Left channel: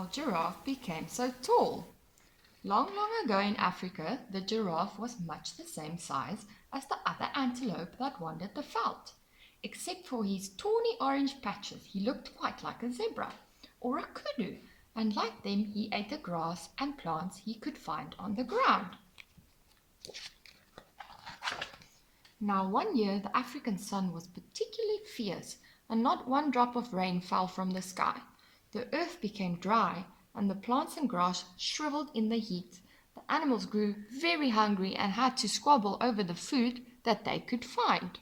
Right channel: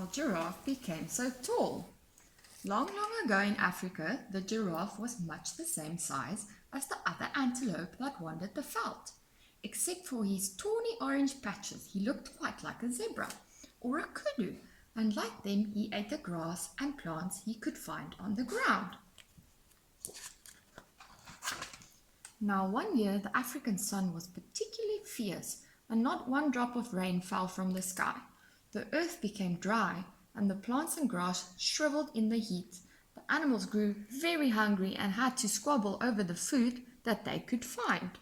how Giraffe became so tall. Long, long ago in Africa, the giraffe was much the same size as the other antelope that wandered the veld. Except for his tawny orange patches, he looked quite like a zebra or a kudu, and like them, he ate the grass and plants he could find on the ground. Now, one year, the African sun was particularly fierce, and not one drop of rain fell from the sky. The earth became dry, and the plants and grass shriveled in the heat. The animals grew very hungry and had to squabble over the food that they could find.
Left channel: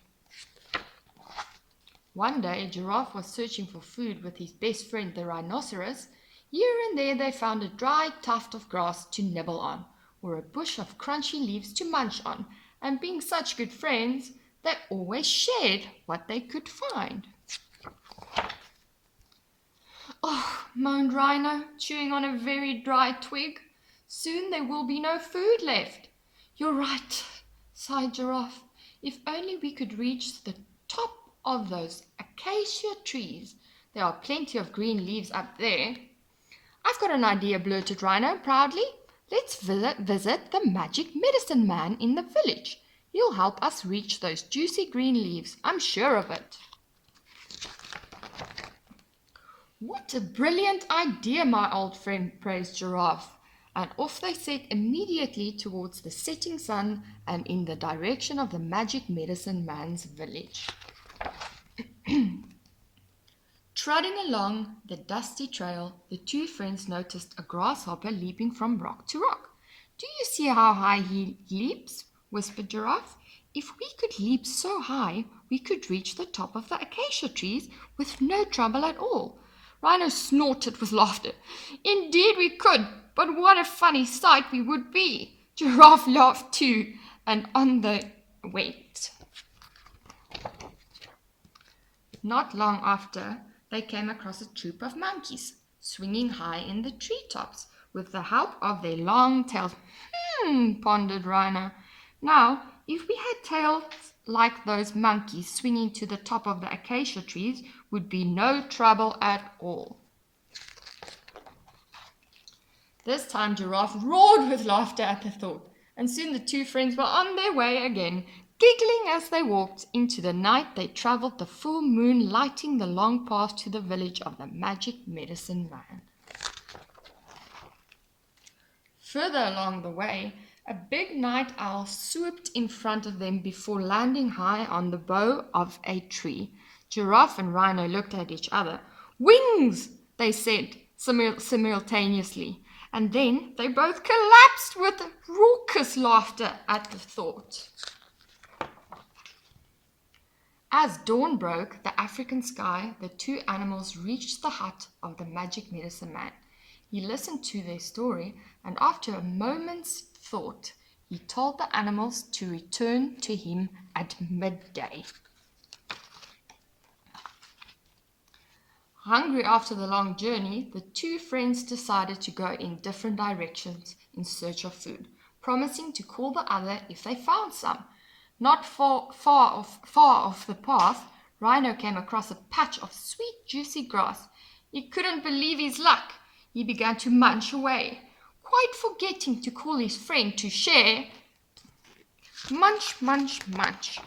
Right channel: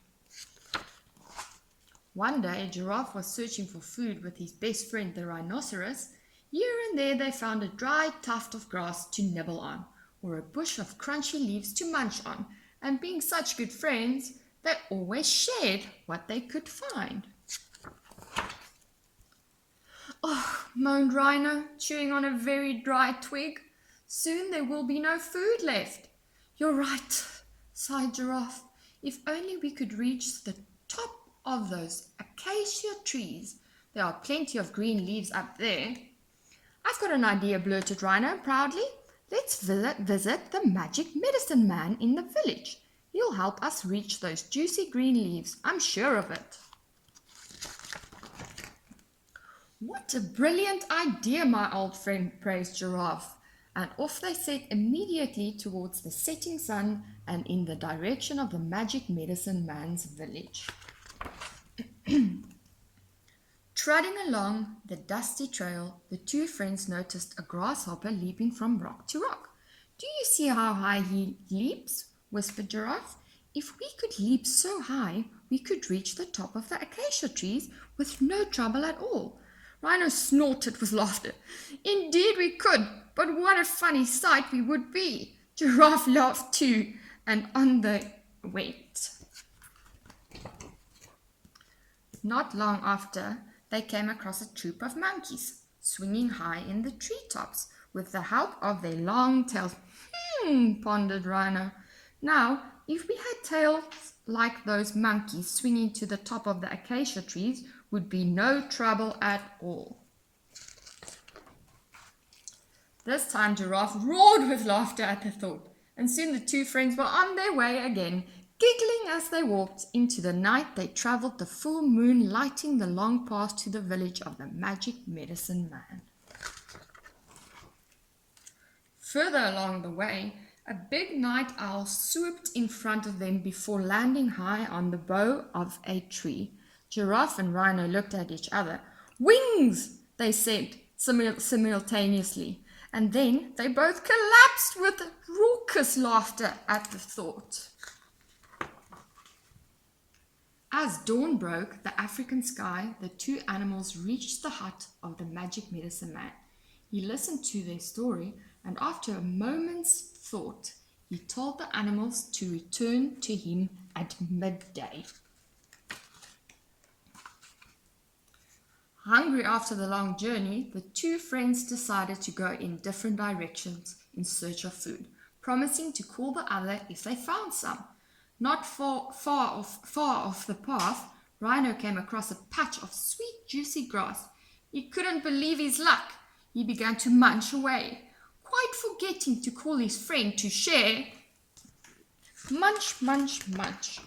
One day, a giraffe was searching for food with his best friend, the rhinoceros. Here and there they found a dry tuft of grass to nibble on, or a bush of crunchy leaves to munch on, and being such good friends, they always shared what they could find. "Oh," moaned Rhino, chewing on a very dry twig. "Soon there will be no food left." "You're right," sighed Giraffe. "If only we could reach the top of those acacia trees. There are plenty of green leaves up there." "I've got an idea," blurted Rhino proudly. "Let's visit the magic medicine man in the village. He'll help us reach those juicy green leaves. I'm sure of it." "What a brilliant idea, my old friend," praised Giraffe. And off they set immediately towards the setting sun and in the direction of the magic medicine man's village. Trotting along the dusty trail, the two friends noticed a grasshopper leaping from rock to rock. "Do you see how high he leaps?" whispered Giraffe. "If we could leap so high, we could reach the top of the acacia trees with no trouble at all." Rhino snorted with laughter. "Indeed we could, but what a funny sight we would be." Giraffe laughed too, and on they went. Not long after, they came across a troop of monkeys, swinging high in the treetops with the help of their long tails. Pondered Rhino. "Now, if we had tails like those monkeys, swinging to the top of the acacia trees would be no trouble at all." This time Giraffe roared with laughter at the thought, and soon the two friends were on their way again. Giggling as they walked into the night, they travelled the full moon, lighting the long path to the village of the magic medicine man. Further along the way, a big night owl swooped in front of them before landing high on the bough of a tree. Giraffe and Rhino looked at each other. "Wings!" they said simultaneously, and then they both collapsed with raucous laughter at the thought. As dawn broke the African sky, the two animals reached the hut of the magic medicine man. He listened to their story, and after a moment's thought, he told the animals to return to him at midday. Hungry after the long journey, the two friends decided to go in different directions in search of food, promising to call the other if they found some. Not far off the path, Rhino came across a patch of sweet, juicy grass. He couldn't believe his luck. He began to munch away, quite forgetting to call his friend to share. Munch, munch, munch.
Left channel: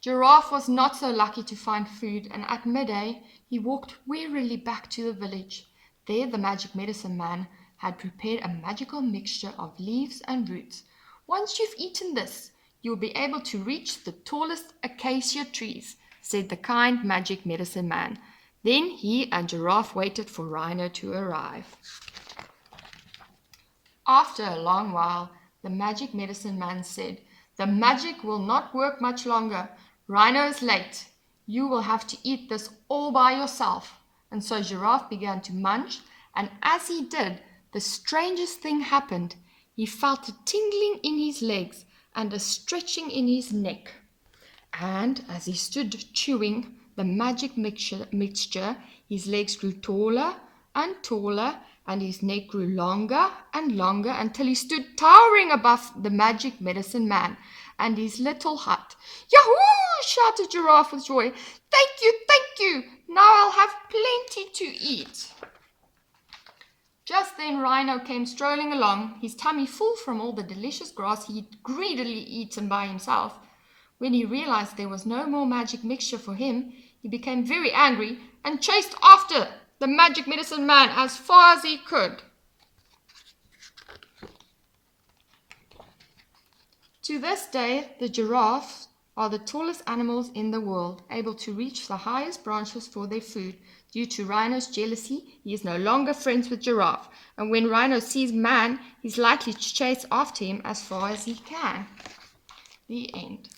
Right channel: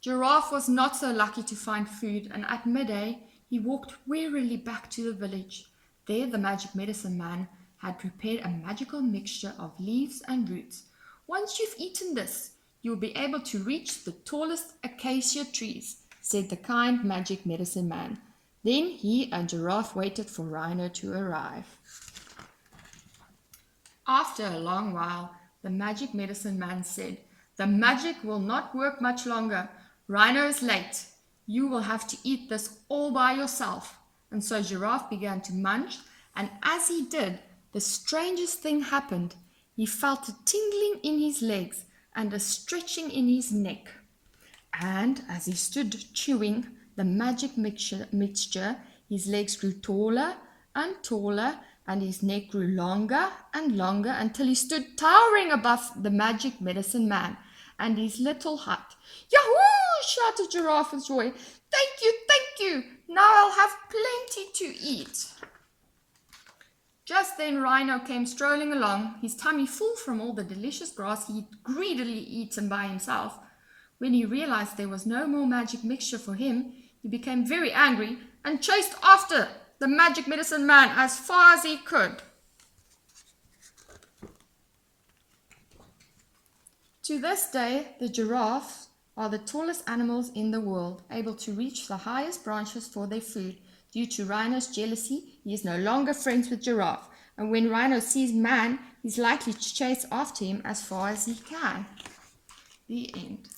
Giraffe was not so lucky to find food, and at midday he walked wearily back to the village. There the magic medicine man had prepared a magical mixture of leaves and roots. "Once you've eaten this, you'll be able to reach the tallest acacia trees," said the kind magic medicine man. Then he and Giraffe waited for Rhino to arrive. After a long while, the magic medicine man said, "The magic will not work much longer. Rhino is late. You will have to eat this all by yourself." And so Giraffe began to munch, and as he did, the strangest thing happened. He felt a tingling in his legs and a stretching in his neck. And as he stood chewing the magic mixture, his legs grew taller and taller, and his neck grew longer and longer until he stood towering above the magic medicine man and his little hut. "Yahoo!" shouted Giraffe with joy. Thank you. Now I'll have plenty to eat." Just then Rhino came strolling along, his tummy full from all the delicious grass he'd greedily eaten by himself. When he realized there was no more magic mixture for him, he became very angry and chased after the magic medicine man as far as he could. To this day, the giraffes are the tallest animals in the world, able to reach the highest branches for their food. Due to Rhino's jealousy, he is no longer friends with Giraffe, and when Rhino sees man, he's likely to chase after him as far as he can. The end.